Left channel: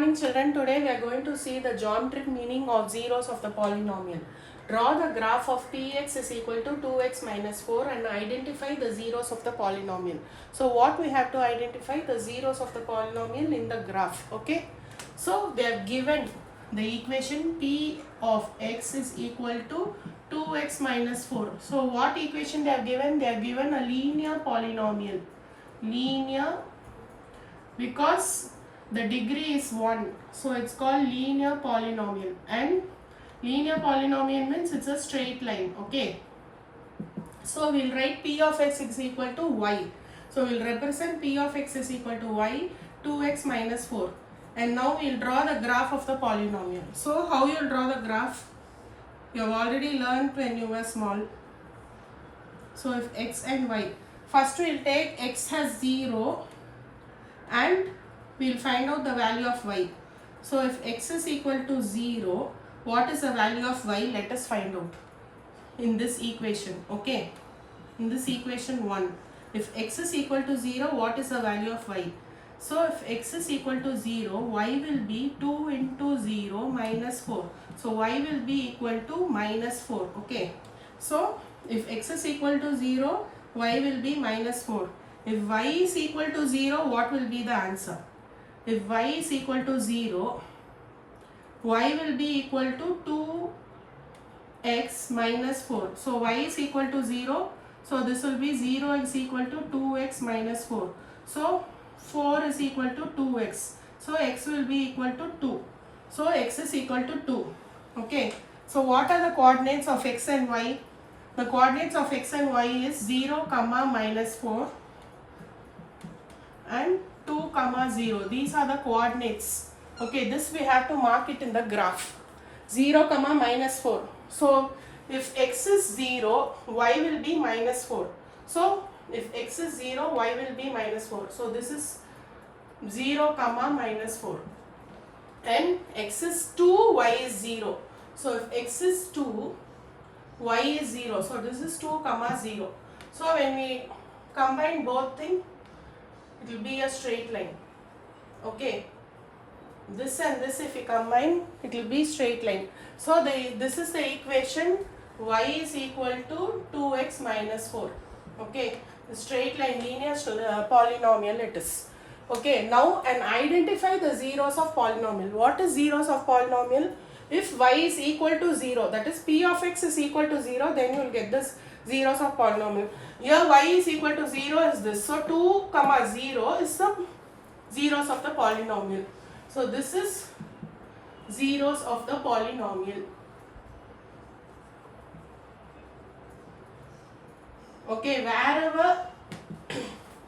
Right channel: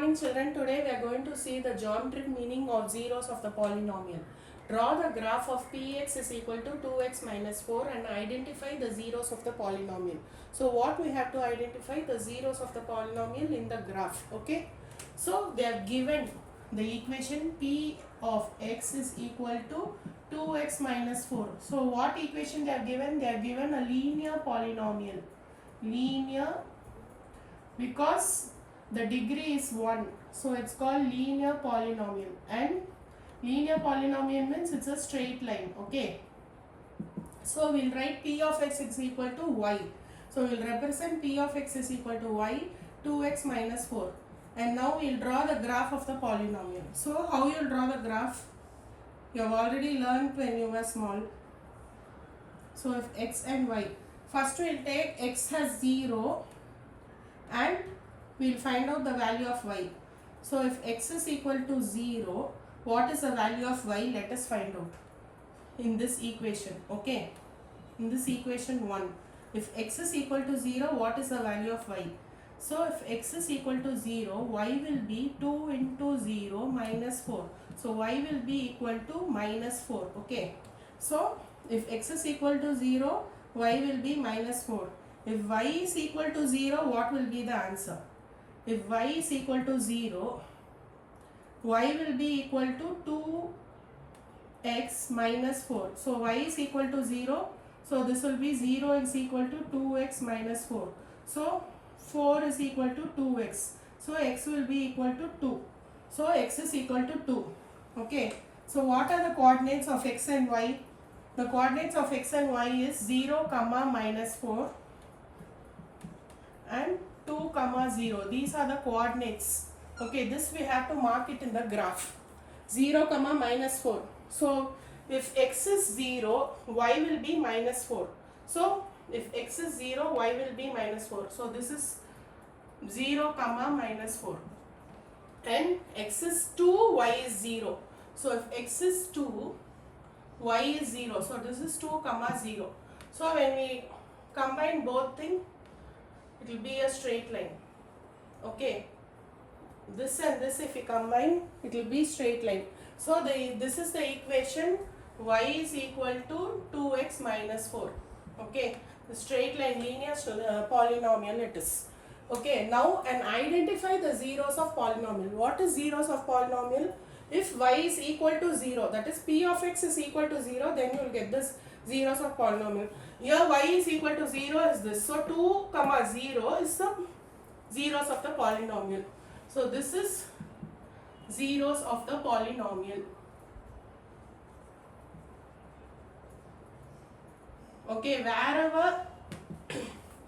morning children. Today we are going to see the geometric meaning of zeros of the polynomial. Draw the graph of px is equal to 2x minus 4 and identify the zeros of the polynomial. So what we have to identify the zeros of the polynomial in the graph. Okay. So they have given the equation p of x is equal to 2x minus 4. So what equation they have given? They have given a linear polynomial. Linear, because the degree is 1, so it's called linear polynomial, and linear polynomial means it's a straight line. Okay, so we'll write p of x is equal to y. So we'll represent p of x is equal to y, 2x minus 4, and now we'll draw the graph of the polynomial. So how you'll draw the graph? You have already learned when you were small. So if x and y, first we'll take x has 0 and we'll find out the value of y. So if x is equal to 0, what is the value of y? Let us find out in this equation. Okay, in this equation 1, if x is equal to 0, what is the value of y? So if x is equal to 0, y will be 2 into 0 minus 4. So y will be equal to minus 4. Okay, so if x is equal to 0, y will be minus 4. If y is equal to 0, what will be the answer? If y is equal to 0, y will be equal to 2x minus 4. So y is equal to 0. So this will be 0 is equal to 2x minus 4. So 4 is equal to 2x. So x will be equal to 2. So x is equal to 2. Okay. So what are the coordinates of x and y? The coordinates of x and y is 0, minus 4 and 2, 0. These are the coordinates. Okay, this we have to mark it in the graph. 0, minus 4. So if x is 0, y will be minus 4. So if x is 0, y will be minus 4. So this is 0, minus 4. And x is 2, y is 0. So if x is 2, y is 0. So this is 2, 0. So when we combine both things, it will be a straight line. Okay, this and this if we combine, it will be straight line. So this is the equation, y is equal to 2x minus 4. Okay, the straight line linear polynomial it is. Okay, now and identify the zeros of polynomial. What is zeros of polynomial? If y is equal to 0, that is p of x is equal to 0, then you will get this zeros of polynomial. Here y is equal to 0 is this. So 2, 0 is the zeros of the polynomial. So this is zeros of the polynomial. Okay, wherever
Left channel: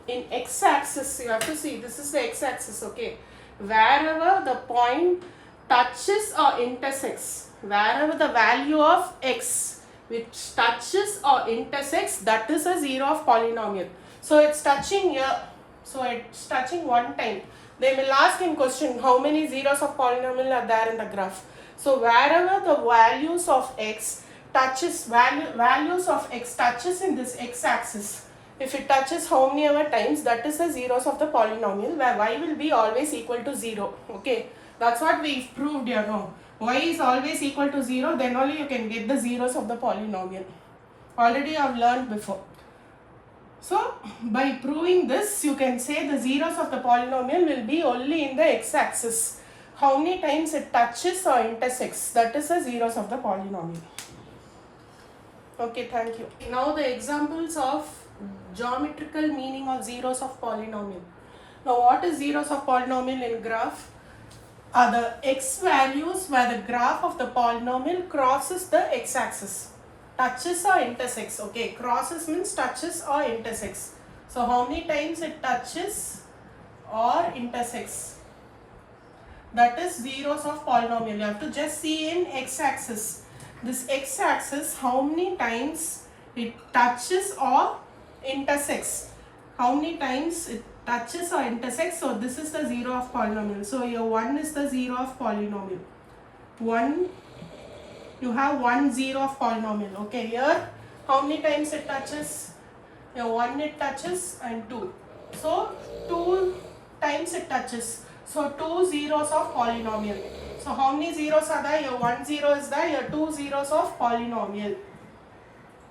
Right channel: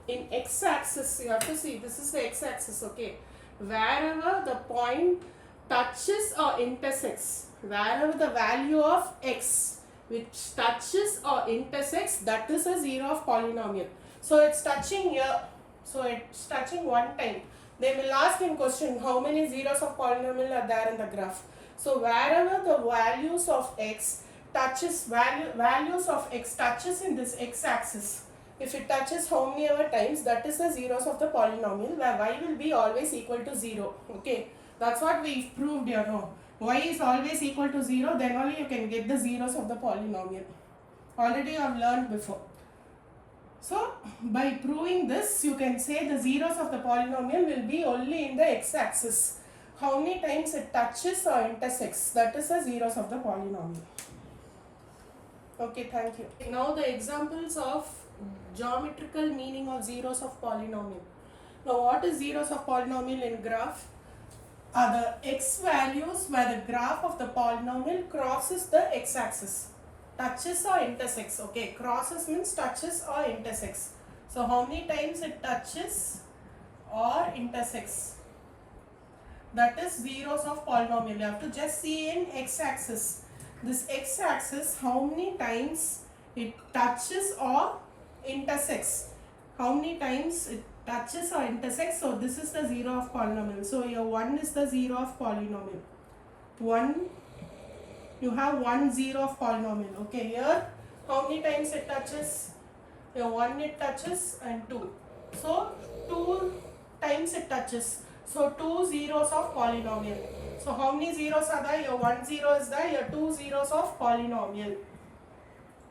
in x-axis, you have to see, this is the x-axis. Okay, wherever the point touches or intersects, wherever the value of x which touches or intersects, that is a zero of polynomial. So it's touching here, so it's touching one time. They will ask in question how many zeros of polynomial are there in the graph. So wherever the values of x touches, values of x touches in this x-axis, if it touches how many ever times, that is the zeros of the polynomial, where y will be always equal to 0. Okay, that's what we proved here. No, y is always equal to 0, then only you can get the zeros of the polynomial. Already I have learned before. So by proving this, you can say the zeros of the polynomial will be only in the x-axis. How many times it touches or intersects, that is the zeros of the polynomial. Okay, thank you. Now the examples of geometrical meaning of zeros of polynomial. Now what is zeros of polynomial in graph? Are the x values where the graph of the polynomial crosses the x-axis. Touches or intersects. Okay, crosses means touches or intersects. So how many times it touches or intersects? That is zeros of polynomial. You have to just see in x-axis. This x-axis, how many times it touches or intersects. How many times it touches or intersects. So this is the zero of polynomial. So here 1 is the zero of polynomial. 1, you have 1 0 of polynomial. Okay, here how many times it touches? Here 1 it touches and 2. So 2 times it touches. So 2 zeros of polynomial. So how many zeros are there? Your 1 0 is there, your 2 zeros of polynomial.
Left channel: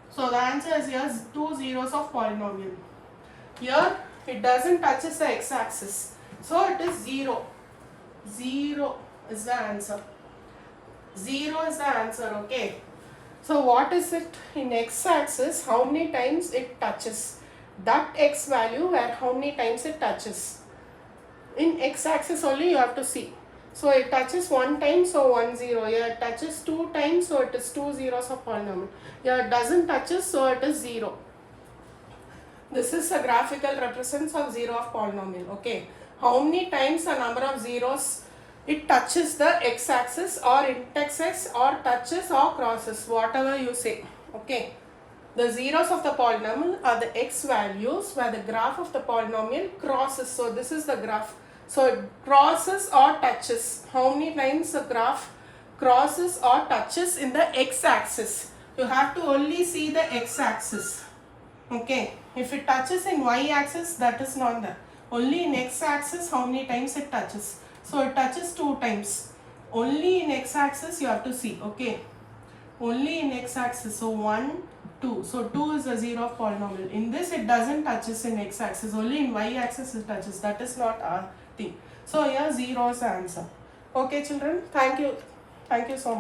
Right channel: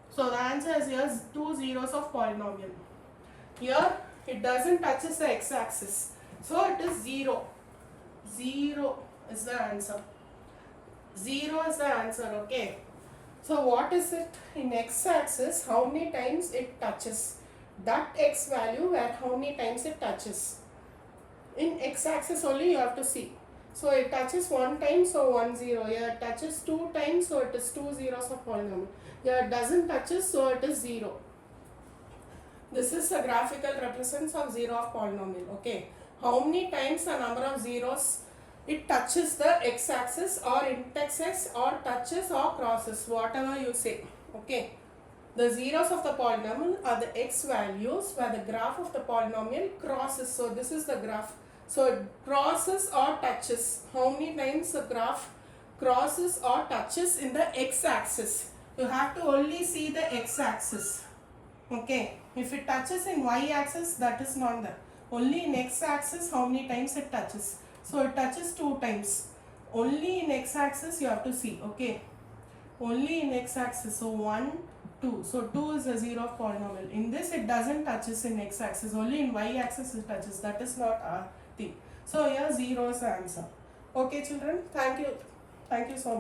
So the answer is here 2 zeros of polynomial. Here it doesn't touches the x-axis. So it is 0. 0 is the answer. 0 is the answer, okay. So what is it in x-axis? How many times it touches? That x value where how many times it touches. In x-axis only you have to see. So it touches 1 time, so 1 0. Here it touches 2 times, so it is 2 zeros of polynomial. Here it doesn't touches, so it is 0. This is a graphical represents of 0 of polynomial, okay. How many times the number of zeros it touches the x-axis or intersects or touches or crosses, whatever you say, okay. The zeros of the polynomial are the x values where the graph of the polynomial crosses. So this is the graph. So it crosses or touches. How many times the graph crosses or touches in the x-axis? You have to only see the x-axis, okay. If it touches in y-axis, that is not there. Only in x-axis, how many times it touches? So it touches 2 times. Only in x-axis you have to see, okay. Only in x-axis. So 1, 2. So 2 is a 0 of polynomial. In this it doesn't touches in x-axis. Only in y-axis it touches. That is not our thing. So here 0 is the answer. Okay children. Thank you. Thank you so much.